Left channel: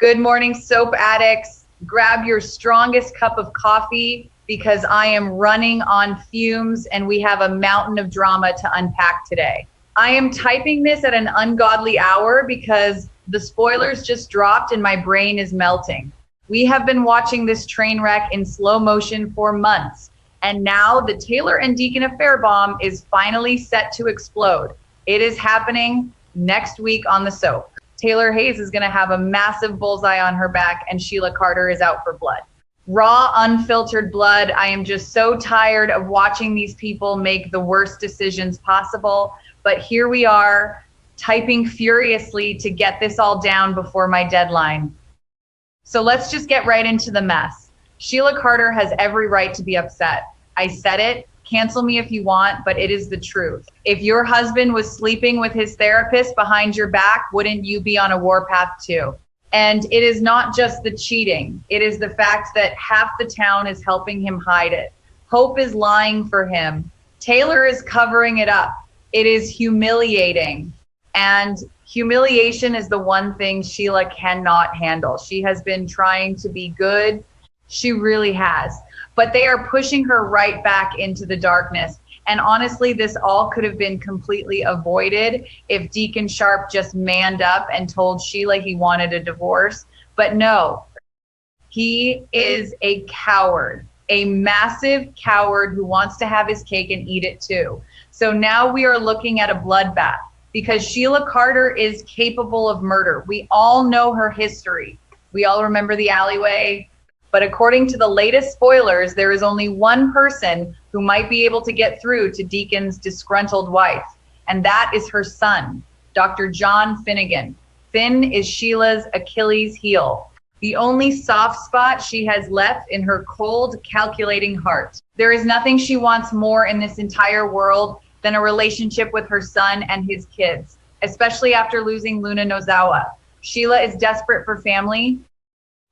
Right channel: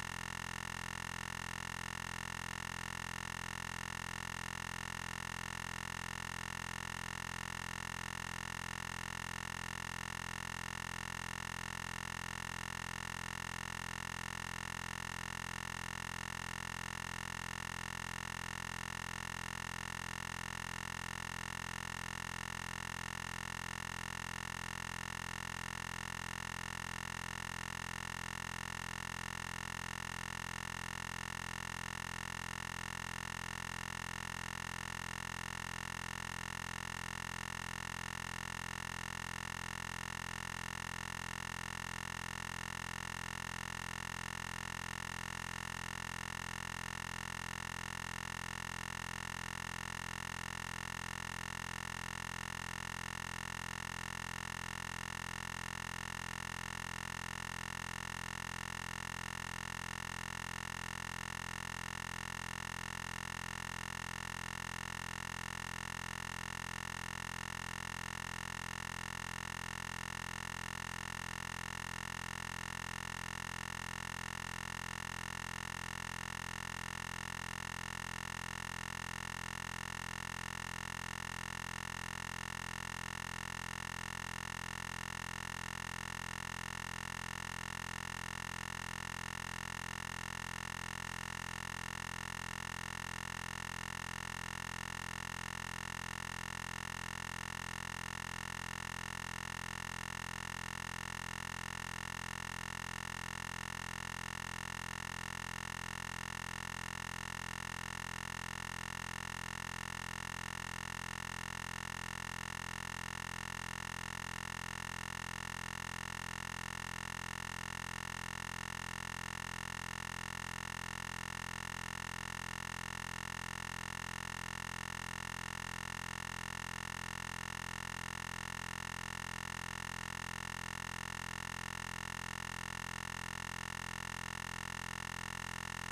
Good morning, soap addicts. Grab your strongest cup of coffee because I am running on fumes and we have a mountain of drama to unpack today. I am typing this at an ungodly hour because the spoilers just dropped and my brain is melting. We have been watching this train wreck in slow motion for months, and now the Taylor and Deacon affair bomb is finally set to explode. It is happening next week on the soap. Taylor Hayes is going to have a massive bullseye on her back, and Sheila Carter is out for blood. Raw, unfiltered blood. I am just so tired of watching these people make the worst decisions possible. But here we are, typing furiously to get this all down before my deadline. So let's just get right into the mess. Sheila Carter has every right to be upset. I said it. Cancel me if you want, but it is the truth. If your husband was sleeping with his therapist behind your back, wouldn't you be on a warpath too? And it is not just the cheating. It is the fact that half the town is helping him hide it. Hope is lying for him. Taylor is covering it up. It is humiliating. And humiliation is the one thing Sheila cannot handle. She has been trying to be good. She really has. But they are pushing her right back into the darkness. And honestly, this all could have been completely avoided if Deacon Sharp just manned up and told Sheila he wanted a divorce. But no, he is a coward, a massive coward who wants to have his cake and eat it too. So now we are looking at a bloodbath because Sheila Carter is capable of murder. We all know her history. We all remember the alleyway. But according to the latest spoilers, there is only one person who might be able to get through to Deacon's disgruntled wife, and that is her son, Dr. John Finnegan. Finn is Sheila's Achilles heel, the only soft spot she has left in her cold, calculating heart. There is nothing she wants more in this entire world than a relationship with her son and his kids, especially after losing Luna Nozawa. Sheila is desperate for family,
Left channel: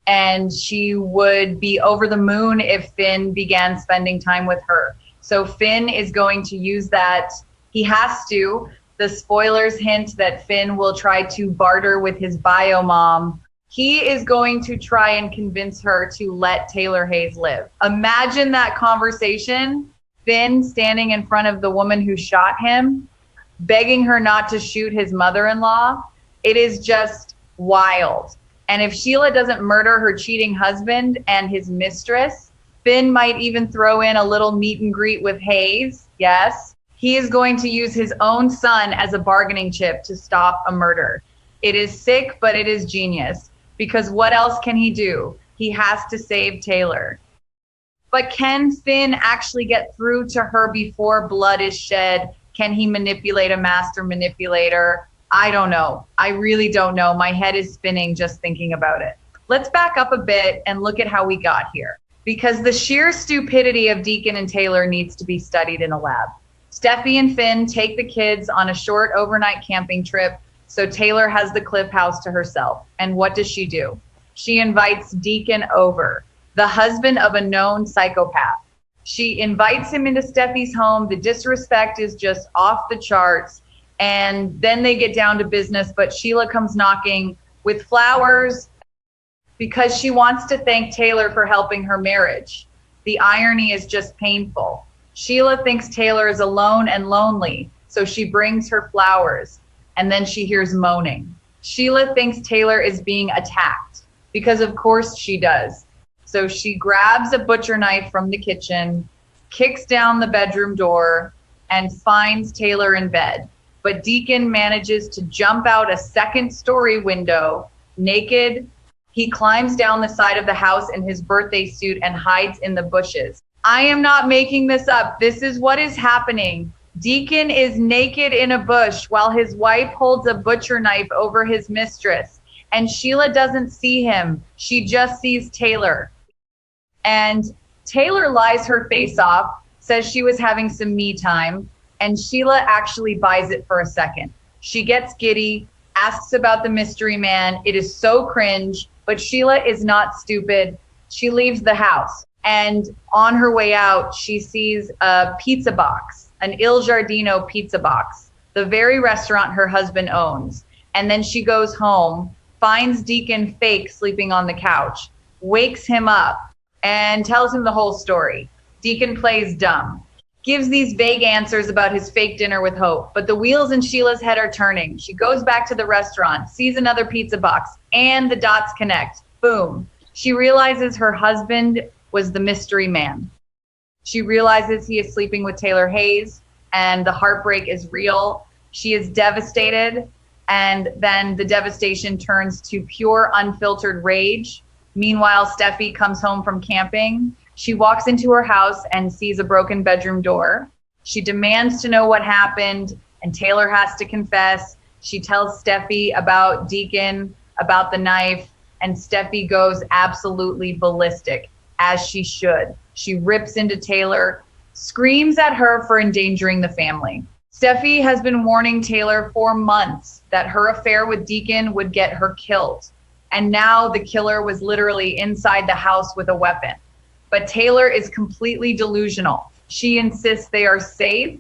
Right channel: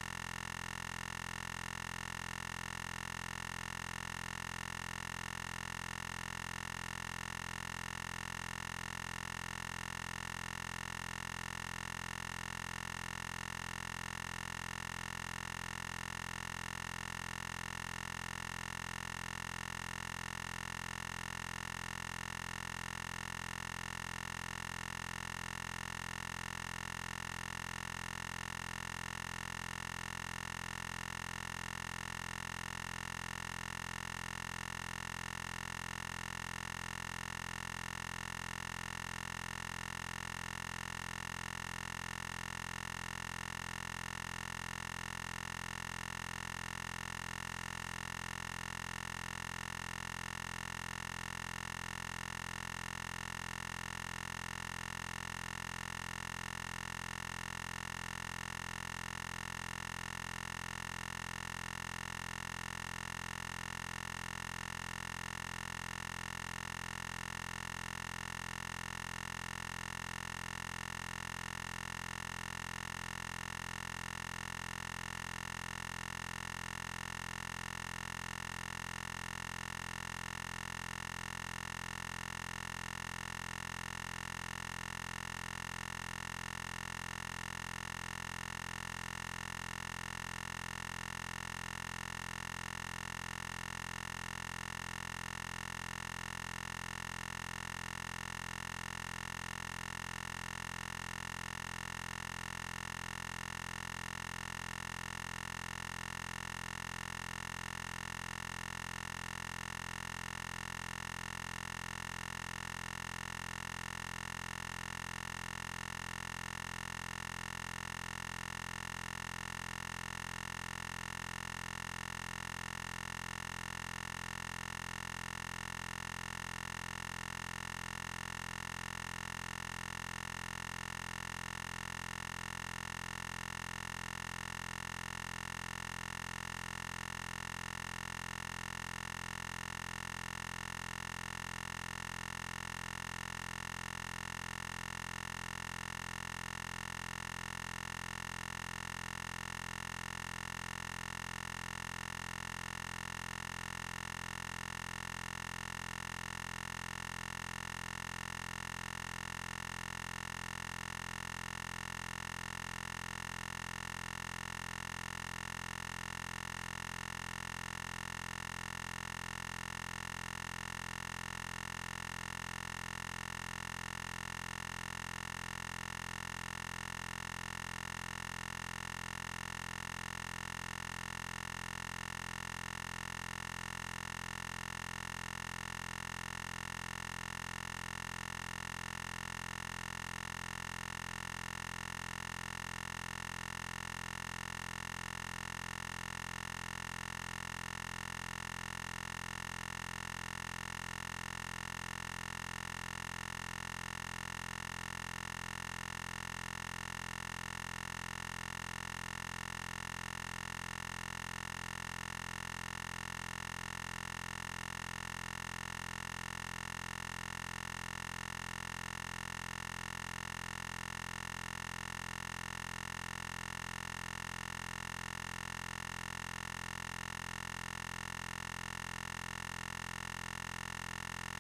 and she would be over the moon if Finn began spending time with her. So Finn is going to use that. He has to. The spoilers hint that Finn will try to barter with his bio mom. He is going to try and convince her to let Taylor Hayes live. Imagine that conversation. Finn standing in front of the woman who shot him, begging her not to shoot his mother-in-law. It is just wild. And if Sheila doesn't murder her cheating husband and his mistress, Finn might even throw in a little meet and greet with Hayes. Yes, he is going to use his own son as a bargaining chip to stop a murder. It is sick, but it is genius. Because what else can he do? He has to save Taylor. But can Finn actually get through to her before blood is shed? Can he manipulate a master manipulator? I don't know. I really don't know. My head is spinning just thinking about it. Let's back up a bit and look at how we got here. Because the sheer stupidity of Deacon and Taylor needs to be studied in a lab. Steffie and Finn take the kids on a short overnight camping trip, so Taylor has the Cliff House to herself. And what does she do? She invites Deacon over, the husband of a known psychopath. She invites him into Steffie's home. The disrespect is just off the charts. And then they get down to business, but Sheila comes knocking with flowers because she wants to thank Taylor for helping her marriage. The irony is just painful. Sheila thinks Taylor is alone and lonely, so she brings her flowers, and then she hears moaning. Sheila thinks Taylor is being attacked, because of course she does. So she grabs a butcher knife from the kitchen, kicks down the bedroom door, and finds Taylor in bed. But Deacon manages to jump out a second-story window, naked. He climbs down the side of the house in his birthday suit and hides in the bushes. I am not making this up. This is what is happening. Deacon is naked in a bush while his wife holds a butcher knife over his mistress. And Sheila doesn't see him. She just sees Taylor. And Taylor lies her face off, says she was having some me time. And Sheila actually buys it for a second. She gets giddy, asks about the mystery man. It is so cringe, but Sheila is not stupid. She leaves the house, and on her way out, she sees a pizza box, an Il Giardino pizza box, the very restaurant her husband owns. And then she goes home finds Deacon fake sleeping on the couch, wakes him up, and tells him the whole story. Deacon plays dumb, gives these vague answers about his fake dinner with Hope, but the wheels in Sheila's head are turning. She goes back to the restaurant, sees another pizza box, and the dots connect. Boom. She realizes her husband was the mystery man. She realizes he is sleeping with Taylor Hayes, and the heartbreak is real. She is devastated, and then the devastation turns to pure, unfiltered rage. Meanwhile, Steffie comes home from camping. She walks into her house and sees a broken bedroom door. She demands to know what happened, and Taylor has to confess. She tells Steffie about Deacon, about the knife, and Steffie goes absolutely ballistic, as she should. She rips into Taylor, screams at her for endangering the family. Steffie has been warning Taylor for months that her affair with Deacon would get her killed. And now the killer was literally inside the house with a weapon. But Taylor is completely delusional. She insists they are safe.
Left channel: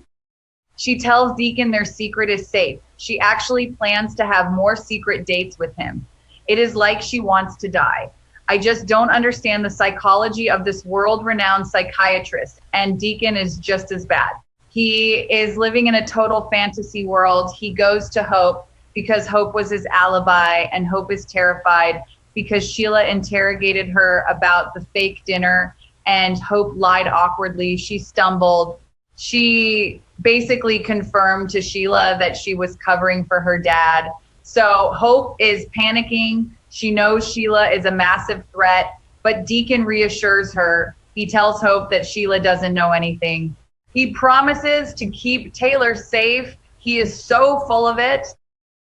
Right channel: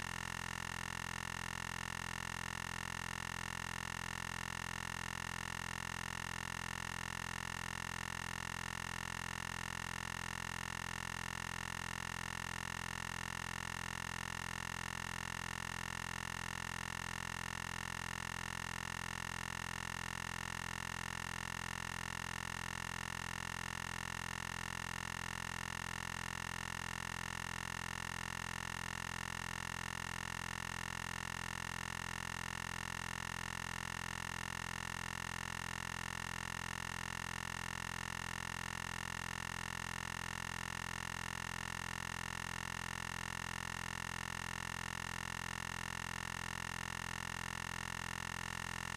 She tells Deacon their secret is safe. She actually plans to have more secret dates with him. It is like she wants to die. I just don't understand the psychology of this world-renowned psychiatrist, and Deacon is just as bad. He is living in a total fantasy world. He goes to Hope because Hope was his alibi, and Hope is terrified because Sheila interrogated her about the fake dinner, and Hope lied awkwardly. She stumbled. She basically confirmed to Sheila that she was covering for her dad. So Hope is panicking. She knows Sheila is a massive threat, but Deacon reassures her. He tells Hope that Sheila doesn't know anything. He promises to keep Taylor safe. He is so full of it.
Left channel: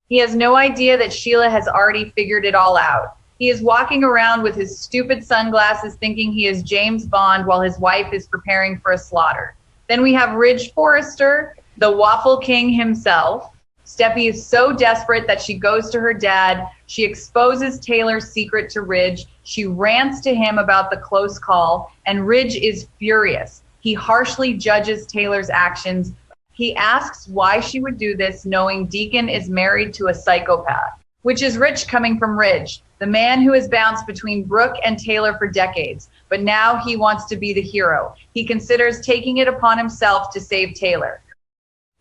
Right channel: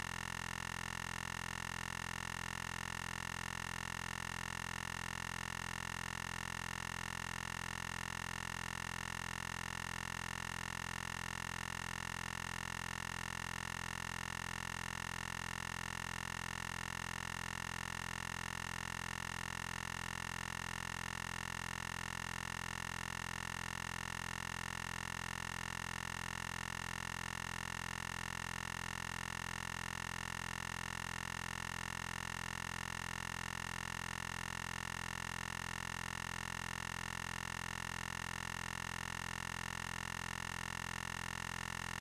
He has no idea that Sheila has already figured it all out. He is walking around with his stupid sunglasses thinking he is James Bond while his wife is preparing for a slaughter. Then we have Ridge Forrester, the Waffle King himself. Steffie is so desperate that she goes to her dad. She exposes Taylor's secret to Ridge. She rants to him about the close call, and Ridge is furious. He harshly judges Taylor's actions. He asks why she would do this, knowing Deacon is married to a psychopath, which is rich coming from Ridge, the man who has bounced between Brooke and Taylor for decades. But now he wants to be the hero. He considers taking it upon himself to save Taylor.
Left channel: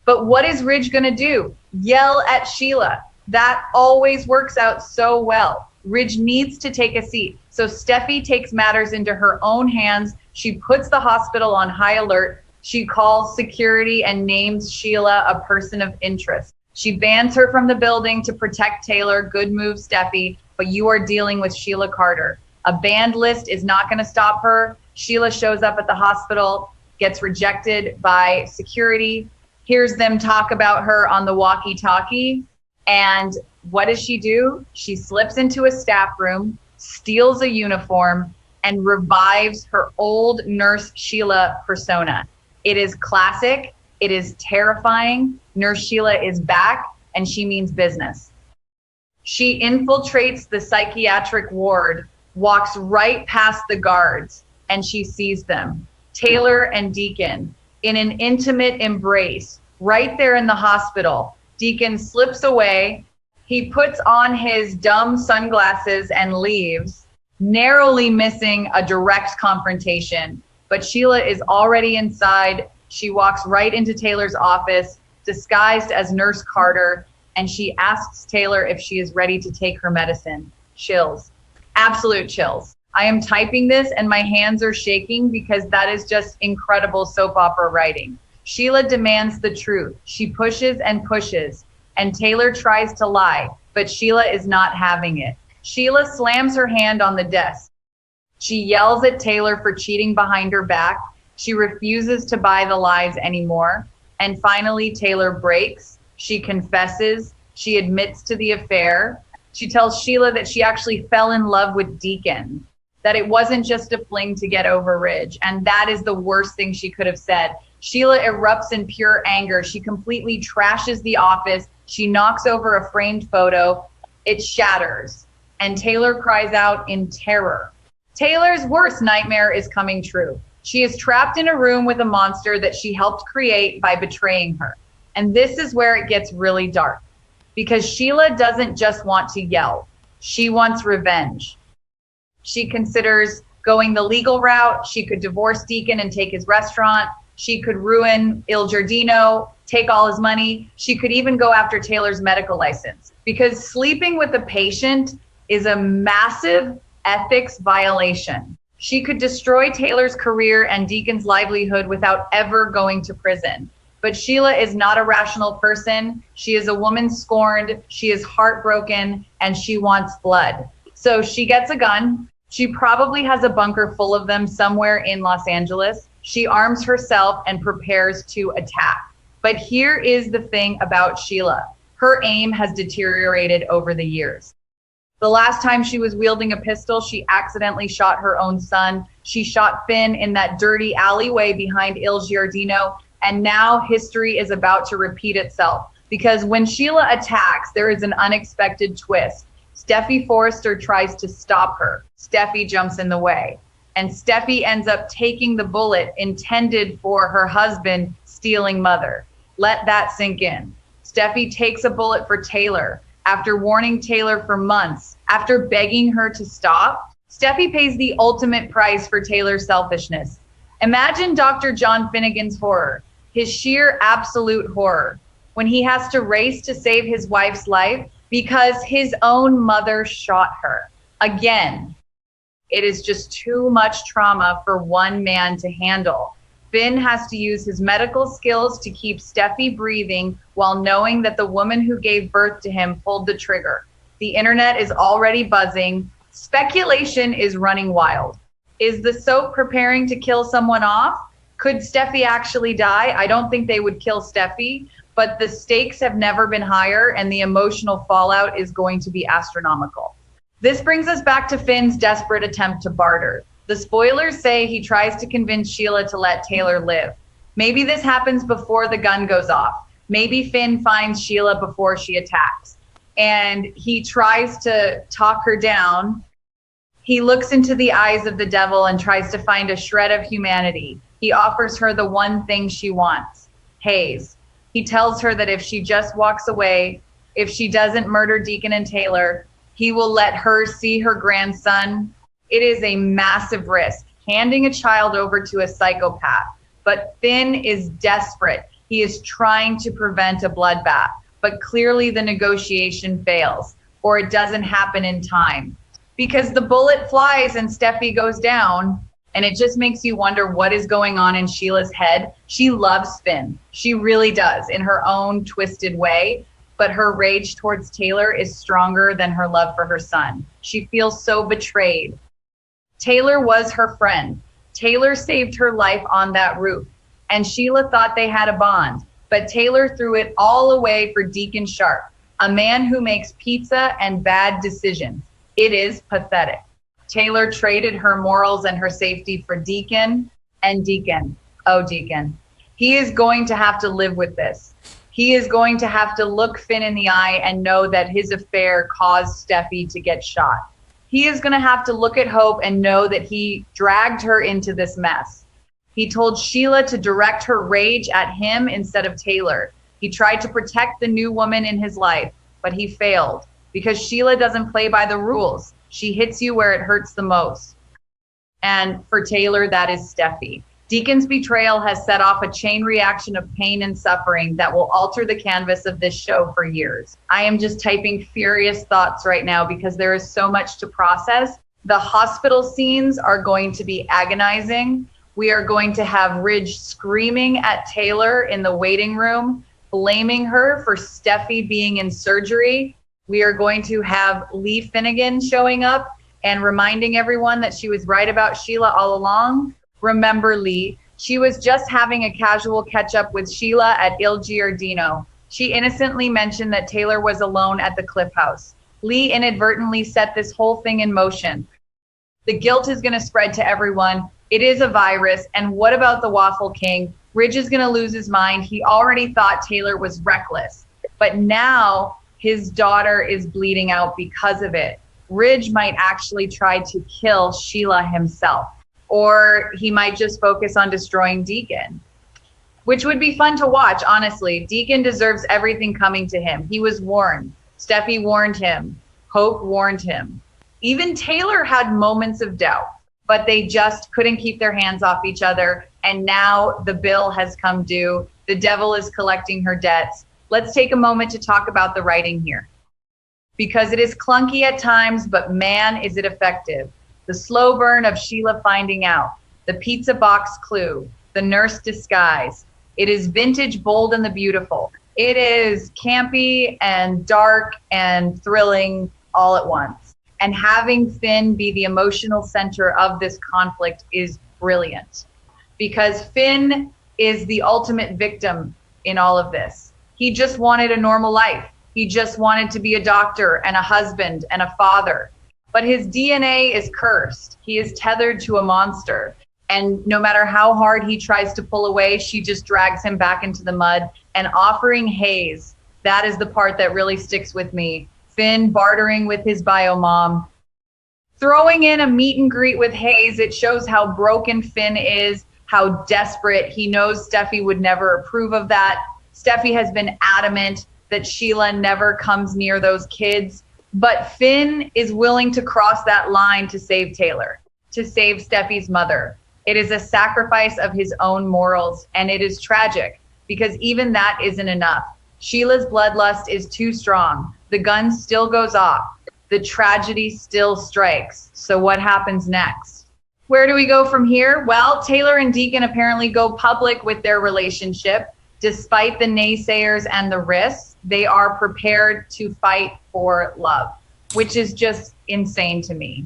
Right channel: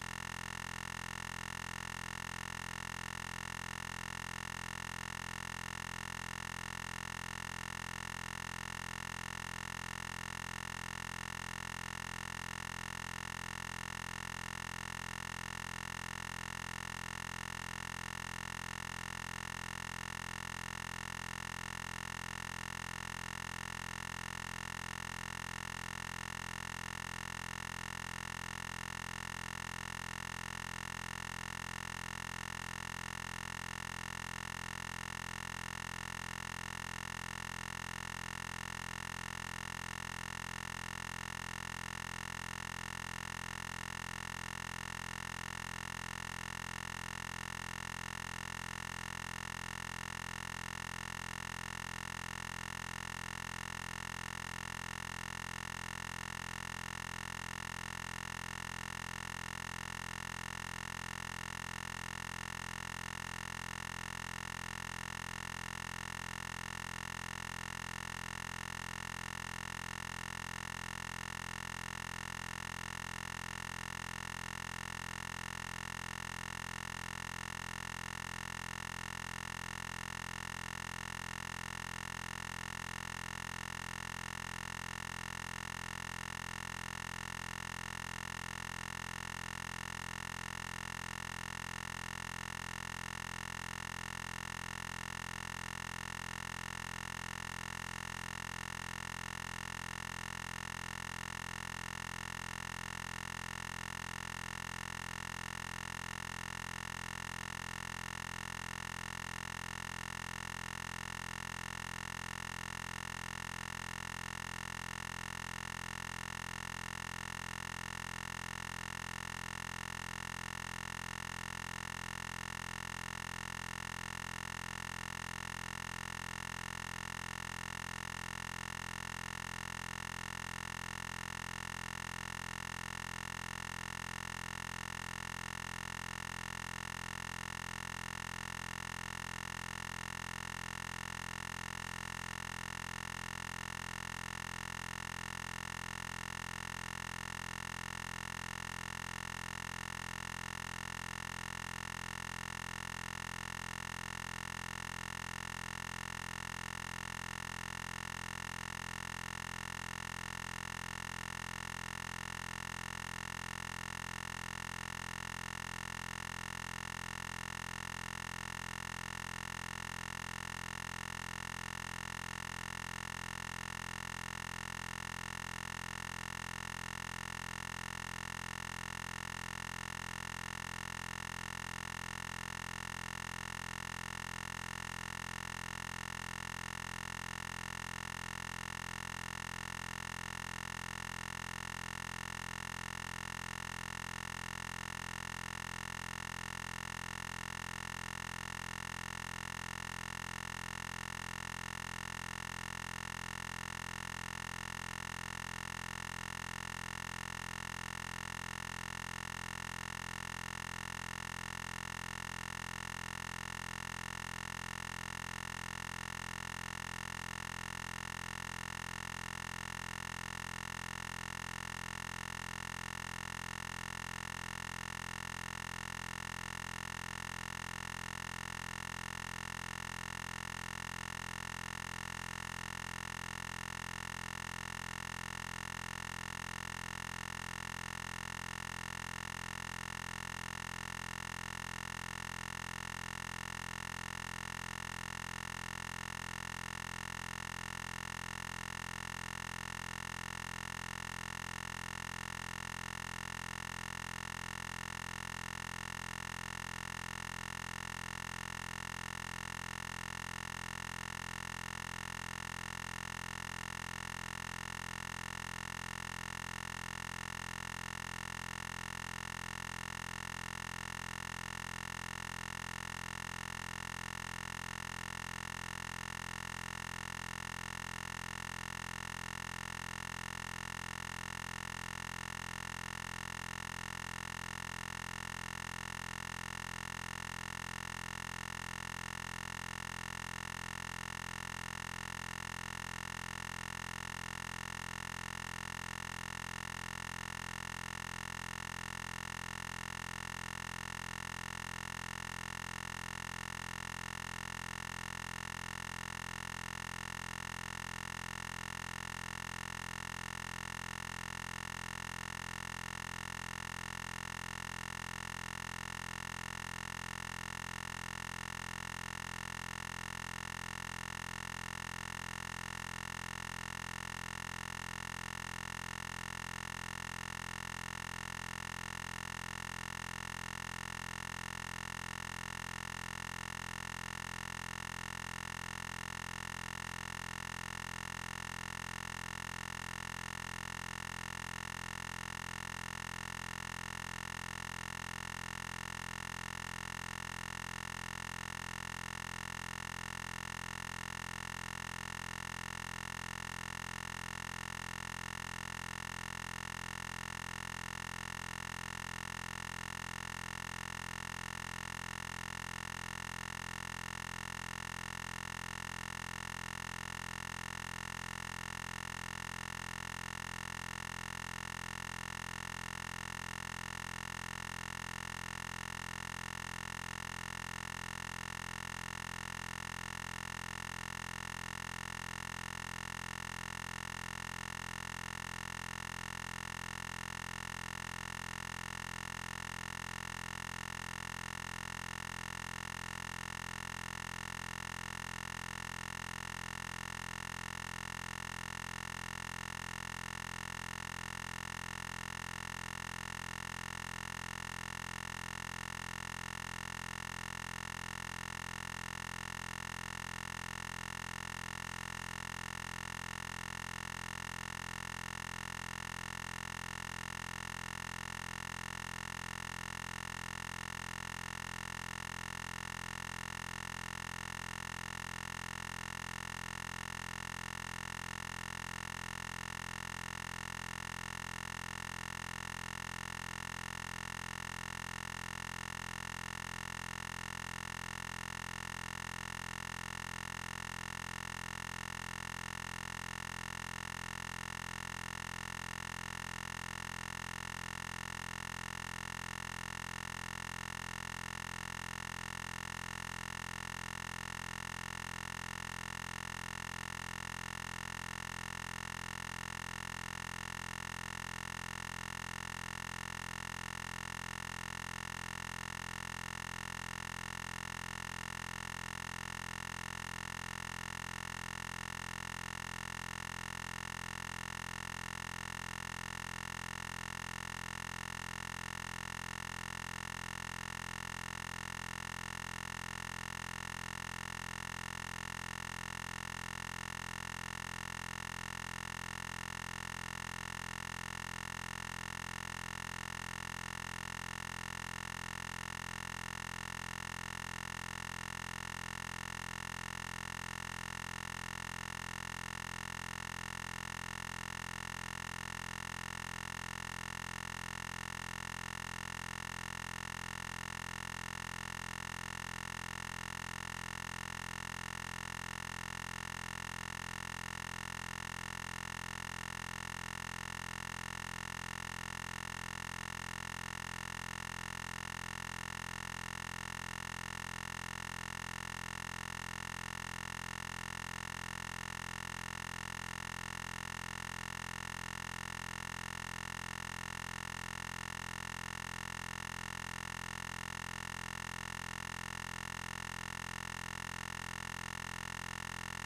But what is Ridge gonna do? Yell at Sheila. That always works out so well. Ridge needs to take a seat. So Steffie takes matters into her own hands. She puts the hospital on high alert. She calls security and names Sheila a person of interest. She bans her from the building to protect Taylor. Good move, Steffie, but you are dealing with Sheila Carter. A banned list is not going to stop her. Sheila shows up at the hospital, gets rejected by security, hears them talk about her on the walkie-talkie, and what does she do? She slips into a staff room, steals a uniform, and revives her old Nurse Sheila persona. It is classic. It is terrifying. Nurse Sheila is back, and she means business. She infiltrates the psychiatric ward, walks right past the guards, and she sees them. Taylor and Deacon in an intimate embrace right there in the hospital. Deacon slips away. He puts on his dumb sunglasses and leaves, narrowly missing a direct confrontation. But Sheila is already inside. She walks right into Taylor's office, disguised as Nurse Carter, and she asks Taylor if she is ready to take her medicine. Chills. Absolute chills. I am typing this and my hands are shaking because that is just incredible soap opera writing. Sheila demands the truth. She pushes and pushes, and Taylor tries to lie, but Sheila is not having it. Sheila slams her hand on the desk. She yells at Taylor for cheating behind her back. She refuses to buy the lies anymore. And finally, Taylor breaks. She confesses. She admits to the affair. She tells Sheila that she actually fell in love with Deacon, that it wasn't just a fling to get over Ridge. And that is the worst thing she could have said. Sheila erupts in pure anger. She completely trashes the office. She knocks over a framed photo. It shatters. And Taylor cries out in terror. Taylor's worst nightmare is coming true. She is trapped in a room with a monster that she helped create by betraying her. And this is where it gets really dark, because Sheila doesn't just want to yell. She wants revenge. She considers going the legal route. She could divorce Deacon and take his restaurant. She could ruin Il Giardino, take all his money. She could even go after Taylor's medical license, because sleeping with a patient is a massive ethics violation. She could destroy Taylor's career and Deacon's livelihood without ever going to prison. But Sheila is not a rational person. She is a woman scorned. She is heartbroken, and she wants blood. So she gets a gun. She probably has a bunker full of them somewhere in Los Angeles. She arms herself and prepares to attack. But here is the thing about Sheila. Her aim has deteriorated over the years. The last time she was wielding a pistol, she accidentally shot her own son. She shot Finn in that dirty alleyway behind Il Giardino, and now history is about to repeat itself. Because when Sheila attacks, there is an unexpected twist. Steffie Forrester tries to stop her. Steffie jumps in the way. And Steffie ends up taking the bullet intended for her husband stealing mother. Let that sink in. Steffie takes a bullet for Taylor. After warning Taylor for months, after begging her to stop, Steffie pays the ultimate price for Taylor's selfishness. Imagine Dr. John Finnegan's horror, his sheer absolute horror, when he has to race to save his wife's life because his own mother shot her. Again, it is just too much trauma for one man to handle. Finn has to use his medical skills to keep Steffie breathing while knowing that the woman who gave birth to him pulled the trigger. The internet is already buzzing. Speculation is running wild. Is the soap preparing to kill someone off? Could Steffie actually die? I don't think they would kill Steffie, but the stakes have never been higher and the emotional fallout is going to be astronomical. This brings us back to Finn's desperate attempt to barter. The spoilers say he tries to convince Sheila to let Taylor live. Maybe this happens before the gun goes off. Maybe Finn finds Sheila before she attacks. And he tries to talk her down. He looks into the eyes of the devil and tries to find a shred of humanity. He offers her the one thing she wants, Hayes. He tells her that if she just walks away, if she doesn't murder Deacon and Taylor, he will let her see her grandson. It is a massive risk, handing a child over to a psychopath. But Finn is desperate. He is trying to prevent a bloodbath, but clearly the negotiation fails, or it doesn't happen in time. Because the bullet flies and Steffie goes down, and it just makes you wonder what is going on in Sheila's head. She loves Finn. She really does, in her own twisted way. But her rage towards Taylor is stronger than her love for her son. She feels so betrayed. Taylor was her friend. Taylor saved her life on that roof, and Sheila thought they had a bond. But Taylor threw it all away for Deacon Sharp, a man who makes pizza and bad decisions. It is pathetic. Taylor traded her morals and her safety for Deacon, and Deacon, oh Deacon, he is going to have to live with this. He is going to have to look Finn in the eye and know that his affair caused Steffie to get shot. He is going to have to look at Hope and know that he dragged her into this mess. He told Sheila to direct her rage at him instead of Taylor. He tried to protect the new woman in his life, but he failed because Sheila doesn't play by the rules. She hits you where it hurts the most. And for Taylor, that is Steffie. Deacon's betrayal has set off a chain reaction of pain and suffering that will alter the canvas of this show for years. I am just typing furious thoughts right now because there is so much to process. The hospital scenes are going to be agonizing. We are going to have Ridge screaming at Taylor in the waiting room, blaming her for Steffie being in surgery. We are going to have Lee Finnegan showing up and reminding everyone that she was right about Sheila all along. Remember Lee, she was just having a casual catch up with Sheila at Il Giardino. She innocently mentioned that Taylor was alone at the Cliff House. Lee inadvertently set this whole thing in motion. The guilt is going to spread to everyone. It is a virus. And what about the Waffle King? Ridge is going to lose his mind. He already thought Taylor was reckless, but now his daughter is bleeding out because of it. Ridge might actually try to kill Sheila himself. Or he might just focus on destroying Deacon, which would be fun to watch, honestly. Deacon deserves everything coming to him. He was warned. Steffie warned him. Hope warned him. Even Taylor had moments of doubt, but they just couldn't keep their hands off each other. And now the bill has come due. The devil is collecting her debts. Let's take a moment to talk about the writing here, because it is clunky at times, but man, is it effective. The slow burn of Sheila finding out, the pizza box clue, the nurse disguise. It is vintage, bold, and the beautiful. It is campy and dark and thrilling all at once. And having Finn be the emotional center of this conflict is brilliant, because Finn is the ultimate victim in all of this. He just wanted a normal life. He just wanted to be a doctor and a husband and a father. But his DNA is cursed. He is tethered to a monster. And no matter how hard he tries to pull away, she just drags him back into the mud. And offering Hayes, that is the part that really sticks with me. Finn bartering with his bio mom. Throwing in a meet and greet with Hayes, it shows how broken Finn is, how desperate. He knows Steffie would never approve of that. Steffie has been adamant that Sheila never comes near those kids. But Finn is willing to cross that line to save Taylor, to save Steffie's mother. It is a sacrifice of his own morals, and it is tragic, because even that isn't enough. Sheila's bloodlust is too strong. The gun still goes off. The tragedy still strikes. So what happens next? Where do we go from here? Well, Taylor and Deacon apparently go public with their relationship. Despite the naysayers and the risks, they are prepared to fight for love, which is just insane to me.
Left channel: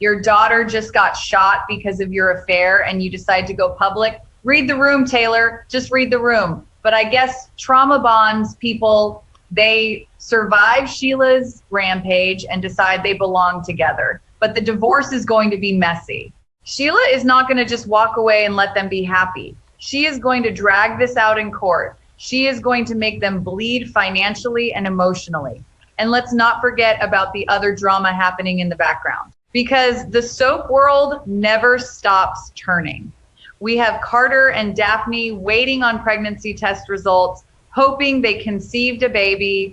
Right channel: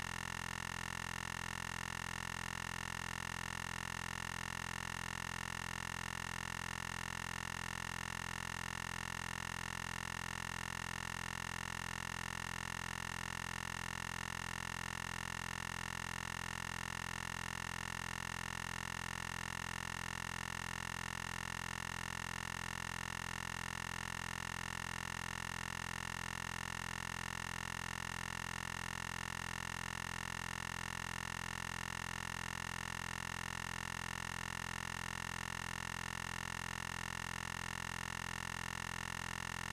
Your daughter just got shot because of your affair and you decide to go public. Read the room, Taylor. Just read the room. But I guess trauma bonds people, they survive Sheila's rampage and decide they belong together. But the divorce is going to be messy. Sheila is not going to just walk away and let them be happy. She is going to drag this out in court. She is going to make them bleed financially and emotionally. And let's not forget about the other drama happening in the background, because the soap world never stops turning. We have Carter and Daphne waiting on pregnancy test results, hoping they conceived a baby.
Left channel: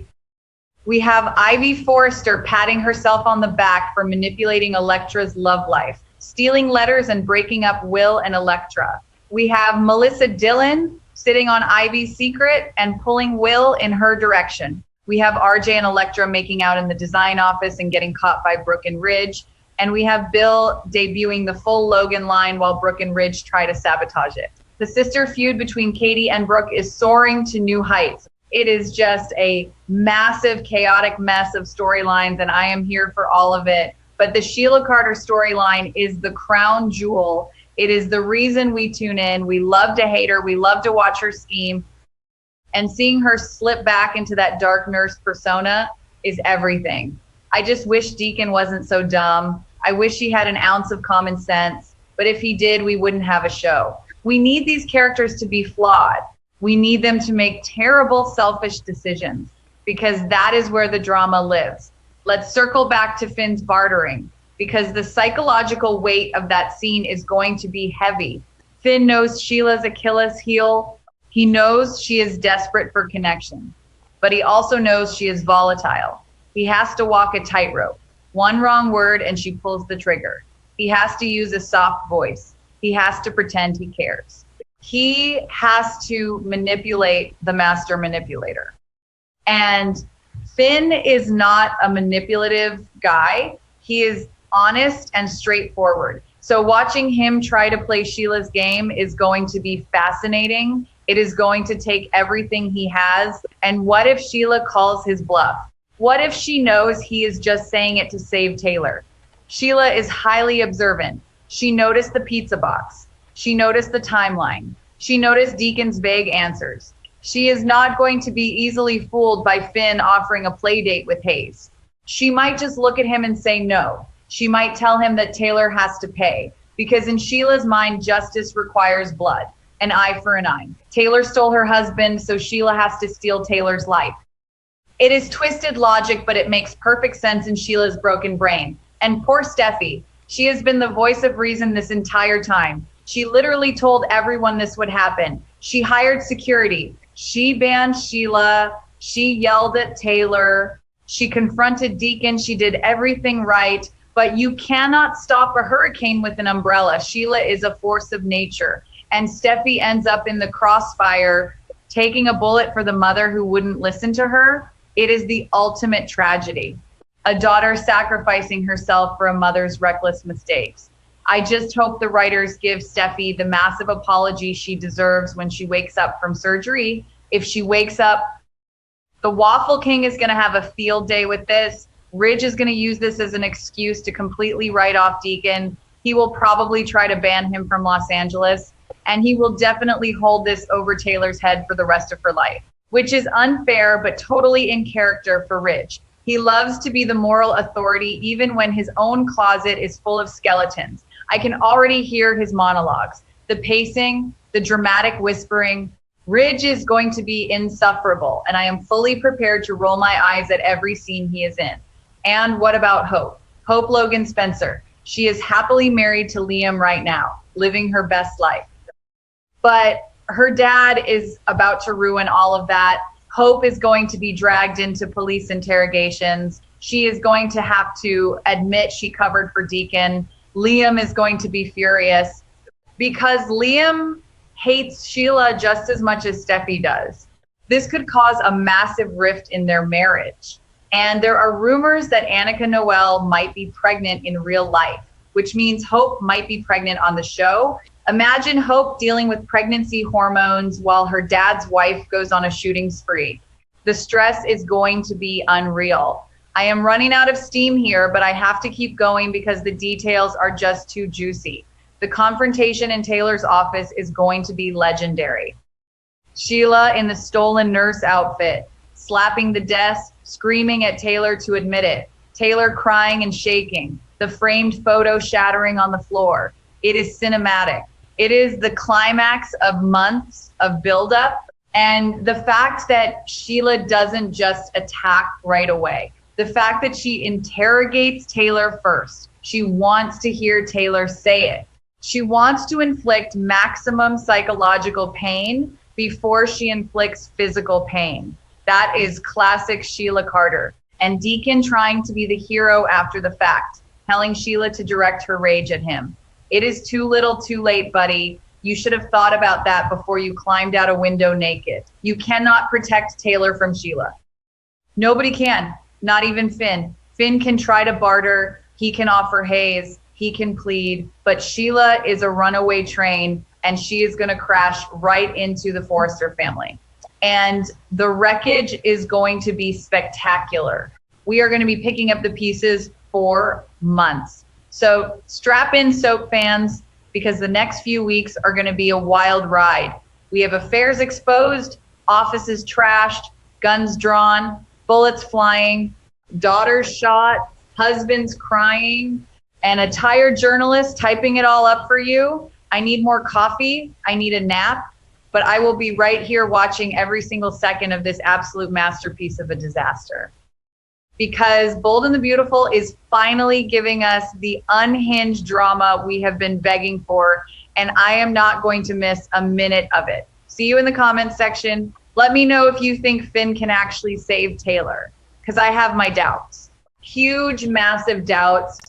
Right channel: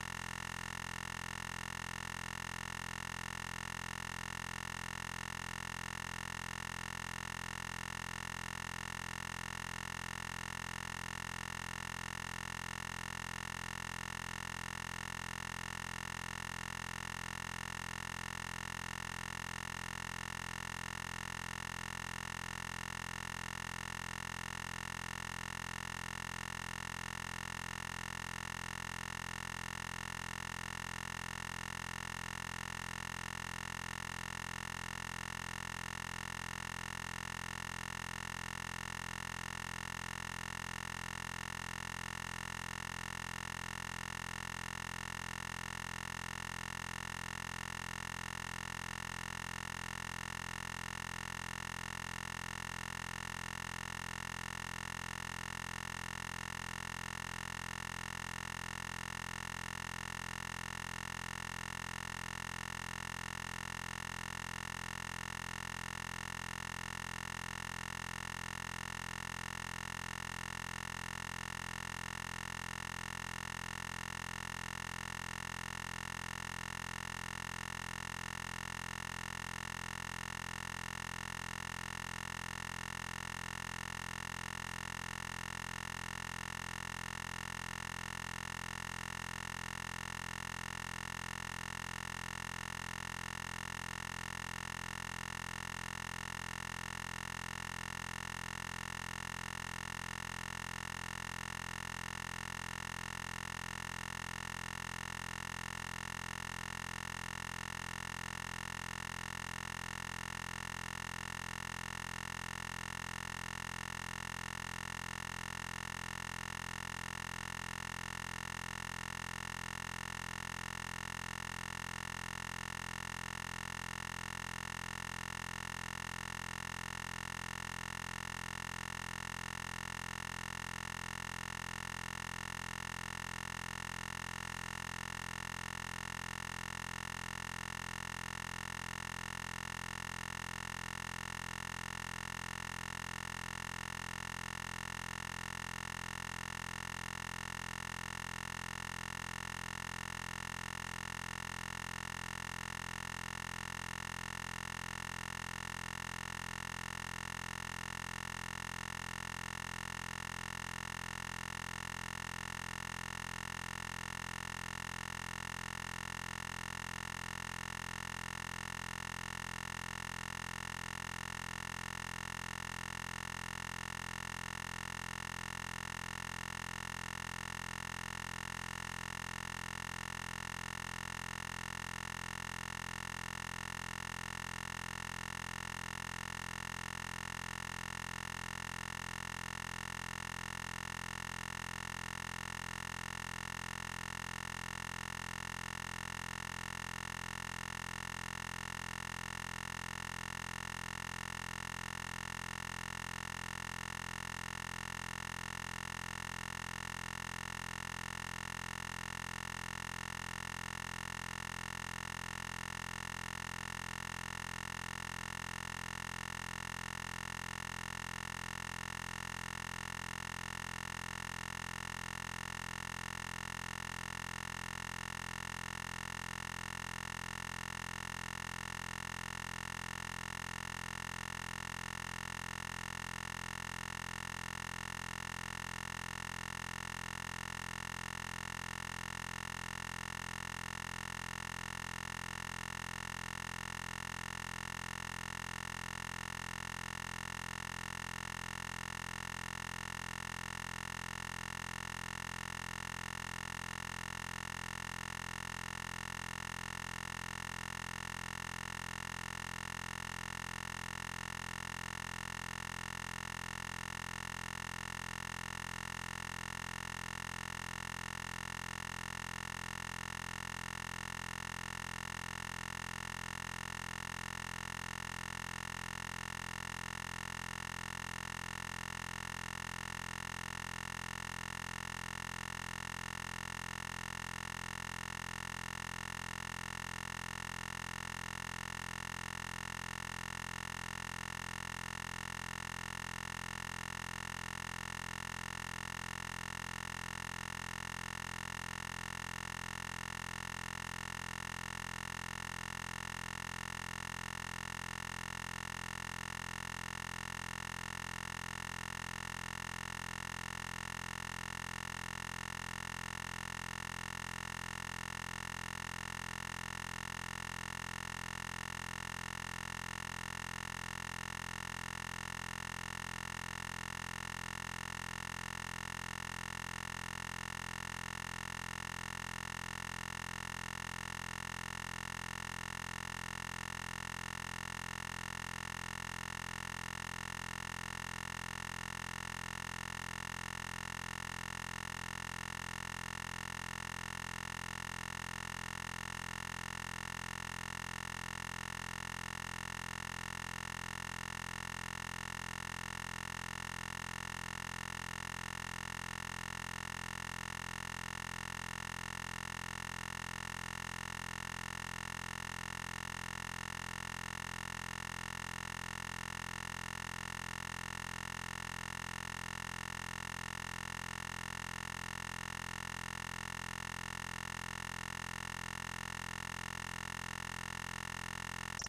We have Ivy Forrester patting herself on the back for manipulating Electra's love life, stealing letters and breaking up Will and Electra. We have Melissa Dillon sitting on Ivy's secret and pulling Will in her direction. We have RJ and Electra making out in the design office and getting caught by Brooke and Ridge. And we have Bill debuting the full Logan line while Brooke and Ridge try to sabotage it. The sister feud between Katie and Brooke is soaring to new heights. It is just a massive, chaotic mess of storylines, and I am here for all of it. But the Sheila Carter storyline is the crown jewel. It is the reason we tune in. We love to hate her. We love to watch her scheme. And seeing her slip back into that dark nurse persona is everything. I just wish Deacon wasn't so dumb. I wish he had an ounce of common sense. But if he did, we wouldn't have a show. We need these characters to be flawed. We need them to make terrible, selfish decisions, because that is where the drama lives. Let's circle back to Finn's bartering, because the psychological weight of that scene is going to be heavy. Finn knows Sheila's Achilles heel. He knows she is desperate for connection, but he also knows she is volatile. He has to walk a tightrope. One wrong word and she pulls the trigger. He has to use a soft voice. He has to pretend he cares. He has to manipulate the master manipulator. And Finn is not a manipulative guy. He is honest and straightforward. So watching him try to play Sheila's game is going to be fascinating. It is going to take everything he has. And what if Sheila calls his bluff? What if she knows he is just saying it to save Taylor? Sheila is highly observant. She noticed the pizza box. She noticed the timeline. She noticed Deacon's vague answers. She is not going to be easily fooled by Finn offering a play date with Hayes. She might just look at him and say no. She might tell him that Taylor has to pay, because in Sheila's mind, justice requires blood, an eye for an eye. Taylor stole her husband, so Sheila has to steal Taylor's life. It is twisted logic, but it makes perfect sense in Sheila's broken brain. And poor Steffie, she has been the voice of reason this entire time. She literally told everyone this would happen. She hired security. She banned Sheila. She yelled at Taylor. She confronted Deacon. She did everything right. But you cannot stop a hurricane with an umbrella. Sheila is a force of nature. And Steffi ends up in the crossfire, taking a bullet for the mother who wouldn't listen to her. It is the ultimate tragedy. A daughter sacrificing herself for a mother's reckless mistakes. I just hope the writers give Steffi the massive apology she deserves when she wakes up from surgery. If she wakes up, the Waffle King is going to have a field day with this. Ridge is going to use this as an excuse to completely write off Deacon. He will probably try to ban him from Los Angeles, and he will definitely hold this over Taylor's head for the rest of her life, which is unfair but totally in character for Ridge. He loves to be the moral authority even when his own closet is full of skeletons. I can already hear his monologues. The pacing, the dramatic whispering. Ridge is going to be insufferable, and I am fully prepared to roll my eyes at every scene he is in. And what about Hope? Hope Logan Spencer. She is happily married to Liam right now, living her best life. But her dad is about to ruin all of that. Hope is going to be dragged into police interrogations. She is going to have to admit she covered for Deacon. Liam is going to be furious because Liam hates Sheila just as much as Steffi does. This could cause a massive rift in their marriage. And there are rumors that Annika Noel might be pregnant in real life, which means Hope might be pregnant on the show. Imagine Hope dealing with pregnancy hormones while her dad's wife goes on a shooting spree. The stress is going to be unreal. I am running out of steam here, but I have to keep going because the details are just too juicy. The confrontation in Taylor's office is going to be legendary. Sheila in the stolen nurse outfit, slapping the desk, screaming at Taylor to admit it. Taylor crying and shaking, the framed photo shattering on the floor. It is cinematic. It is the climax of months of buildup, and the fact that Sheila doesn't just attack right away. The fact that she interrogates Taylor first. She wants to hear Taylor say it. She wants to inflict maximum psychological pain before she inflicts physical pain. That is classic Sheila Carter. And Deacon trying to be the hero after the fact, telling Sheila to direct her rage at him. It is too little too late, buddy. You should have thought about that before you climbed out a window naked. You cannot protect Taylor from Sheila. Nobody can, not even Finn. Finn can try to barter, he can offer haze, he can plead, but Sheila is a runaway train and she is going to crash right into the Forrester family. And the wreckage is going to be spectacular. We are going to be picking up the pieces for months. So strap in, soap fans, because the next few weeks are going to be a wild ride. We have affairs exposed, offices trashed, guns drawn, bullets flying, daughters shot, husbands crying, and a tired journalist typing it all up for you. I need more coffee. I need a nap. But I will be right here watching every single second of this absolute masterpiece of a disaster. Because Bold and the Beautiful is finally giving us the unhinged drama we have been begging for, and I am not going to miss a minute of it. See you in the comments section. Let me know if you think Finn can actually save Taylor, because I have my doubts. Huge, massive doubts.